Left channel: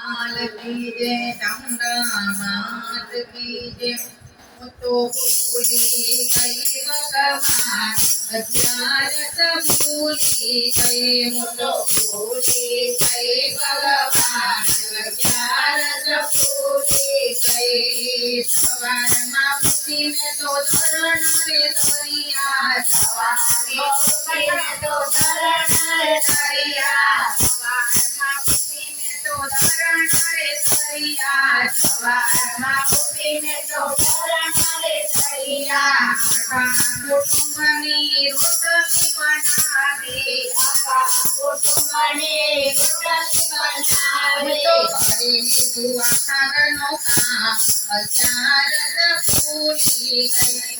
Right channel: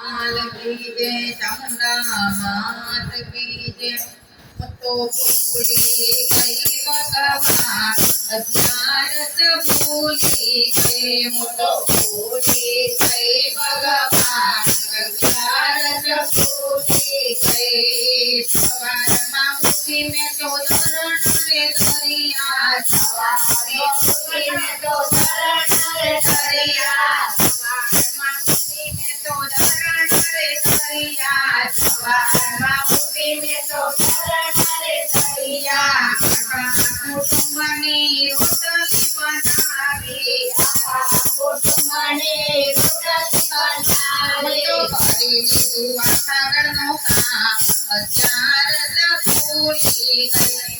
आल की जय चामुंडा मात की तो भूली गई भगवान, हथियार सब भूली गई मुटो भूली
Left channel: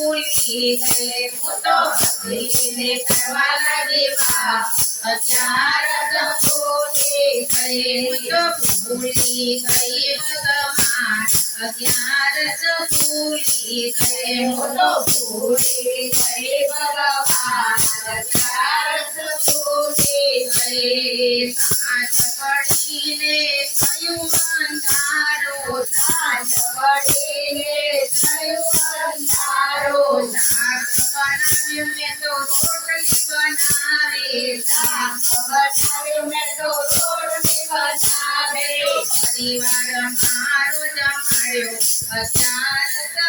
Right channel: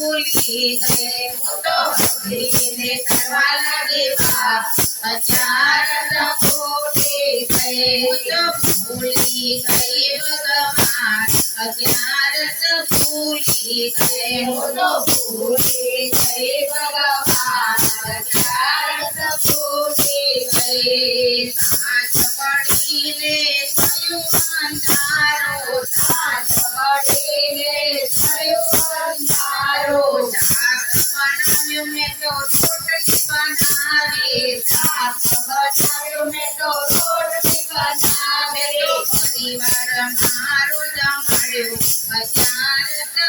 પૂછીને મોટો કરીને કરવા લાગેવા હજાર સંકોટે કહે મોટો ભૂલી કહે ભગવાન અજ્ઞાર સંકૂલી કહે મોટો ભૂલી શિવાર મારો જમાડ્યો. અચાનક તો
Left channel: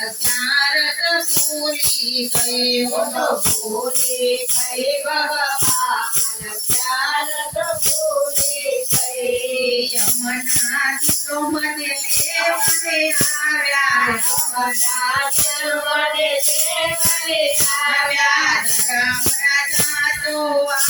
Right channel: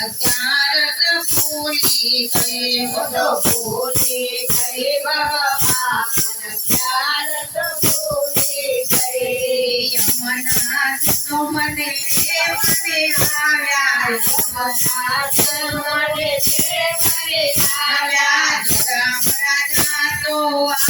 ಜ್ಞಾನದ ಪೂರಿ ಕೈ ಒಂದು ಪೂರಿ ಕೈ ಬಾಬನ ಜ್ಞಾನದ ಪೂರಿ ಕೈ ಯಮನ ಸುಮನೆ ಮನೆ ಆವ್ಯಾರ ಮನೆ ಮನೆ ಆವ್ಯಾರ ರಾಮ ರಾಜ ತೋ ಆ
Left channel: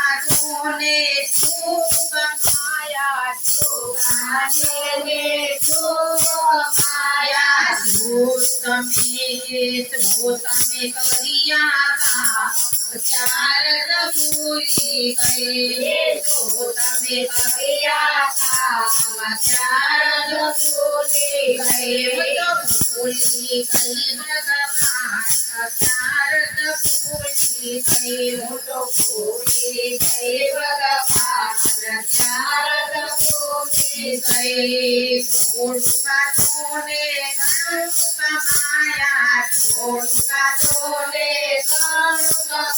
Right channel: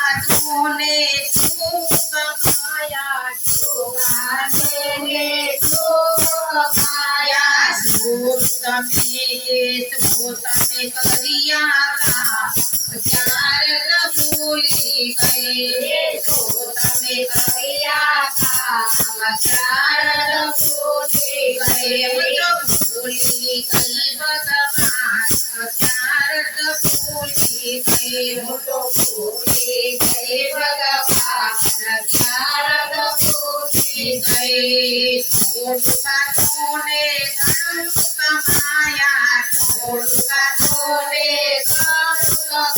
તમે કર્યા ચાર કબૂલી કરે તો તમે કર્યા ચાર કબૂલી કરે તો કબૂલી કલબ તમાર ચાર કબૂલી કરે તો કબૂલી કલબ તમાર ચાર કબૂલી કરે તો કમાયા उनका छोले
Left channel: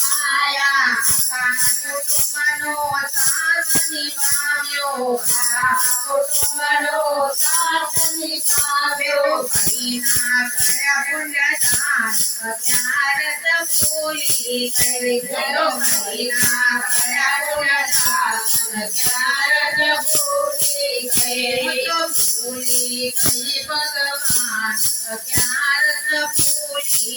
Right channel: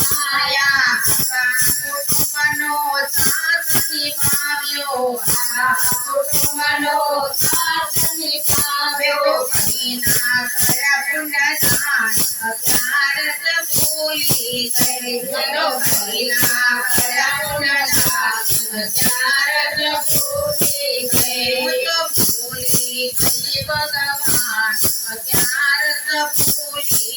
काया कुटुंबनो साथ निभाव्यो कुटुंबनो साथ निभाव्यो करीना कर पुण्यदान भारत भूली करे गुरो करीना भगवान भारत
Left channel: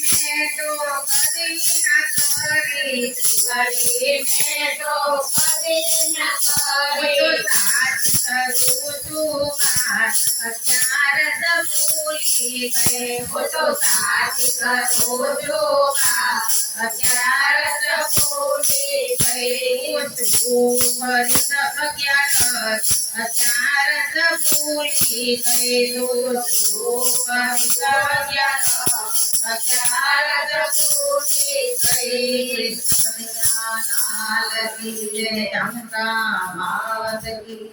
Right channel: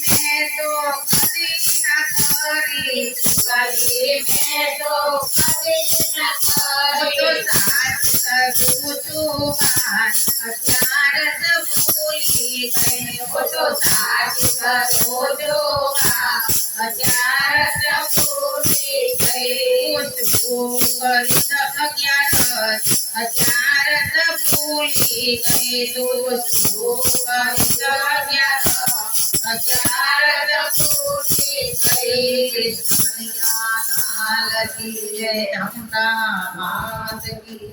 में तो न सॉरी में तो कभी न सॉरी तो साथ करूँ तू तो साथ करो जो प्यार सब भूल गए। भूल क्या प्यार सब भूल गए। दोस्त भूल कृष्ण